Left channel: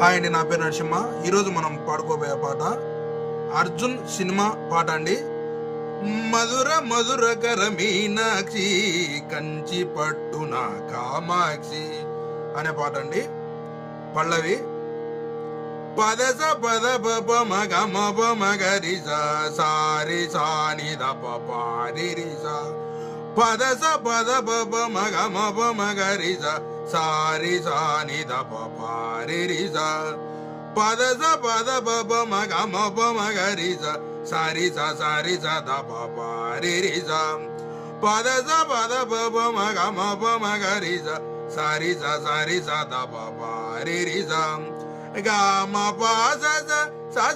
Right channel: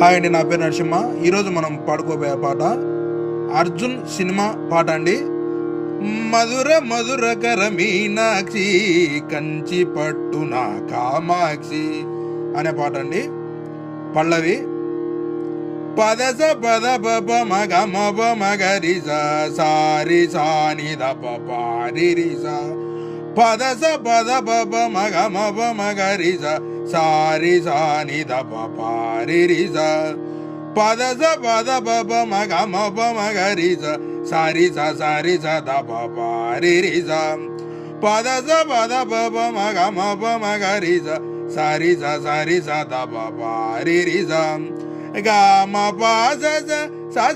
Hi అండి, నా పేరు నరసింహ. ఈరోజు మనం పాడుకోబోయే పాట అర్జున్ సినిమా పాట అండి. మధుర మధుర కర మీనాక్షి కంచి పట్టున కామాక్షి అనే పాట అండి. పల్లవి పదస పద పప మగ మప మగరి సారి సాని ద పారి రిసా పదస పద పప మగ మప మగరి సారి సాని ద పారి రిసా పదస పద పప మగ మప మగరి సారి సారి స ద పారి రిసా పదస పద పప మగ మప మగరి సారి సారి స ద పారి రిసా గామ పాస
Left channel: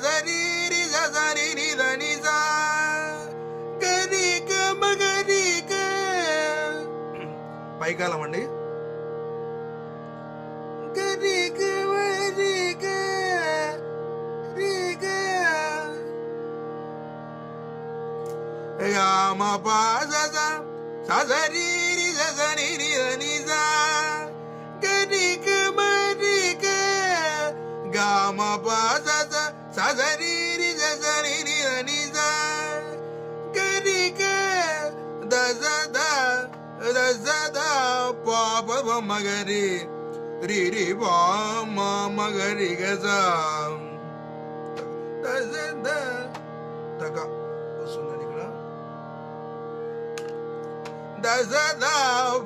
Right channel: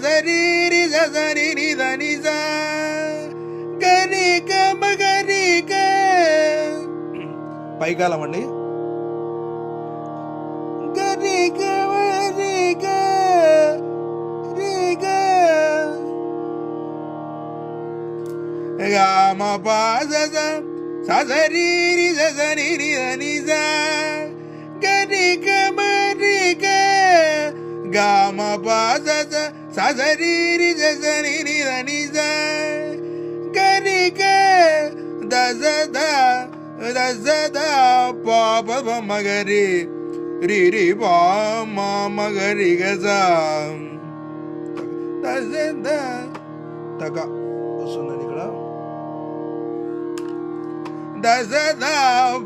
సరి రి సరి ని దని సా గరి గమ గరి గ పైకాలం అండి. గరి గమ రి గ రి గ గామ పాస సరి రి సరి ని దని సా గరి గమ రి గ గామ పాస సరి రి సరి ని దని సా గరి గ దస ద పాప మగరి రి రి పా మా మగరి గ సా దస ద తక వస్తుందండి ఇక్కడ. దస ద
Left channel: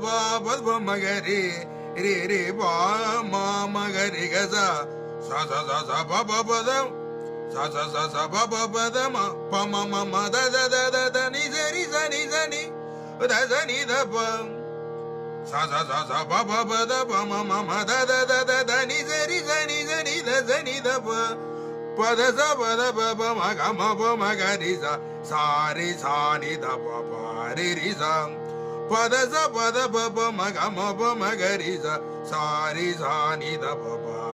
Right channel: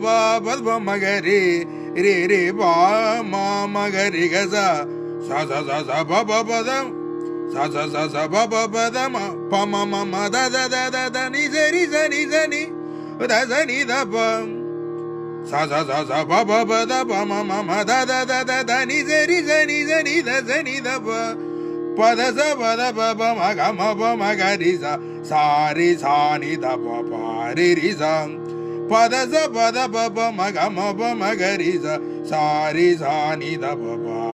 పాప మగరి రి రి పా మా మగరి గ సా సా సా సా సా ప ప ప ద సా సా సా సా ప ప ప ద మ ప మ మ మ the the the the the ని స రి స ని స ని ద స ని ద ప సా సా సా సా ప ప ప ద ప మ మ మ the the the the the ని స రి స ని స ని ద స ని ద ప ప ద స ప ద ప ప మ గ మ ప మ గ రి స సా రి సా ని ద ప ప రి రి స ప ద స ప ద ప ప మ గ మ ప మ గ రి స సా రి సా ని ద ప ప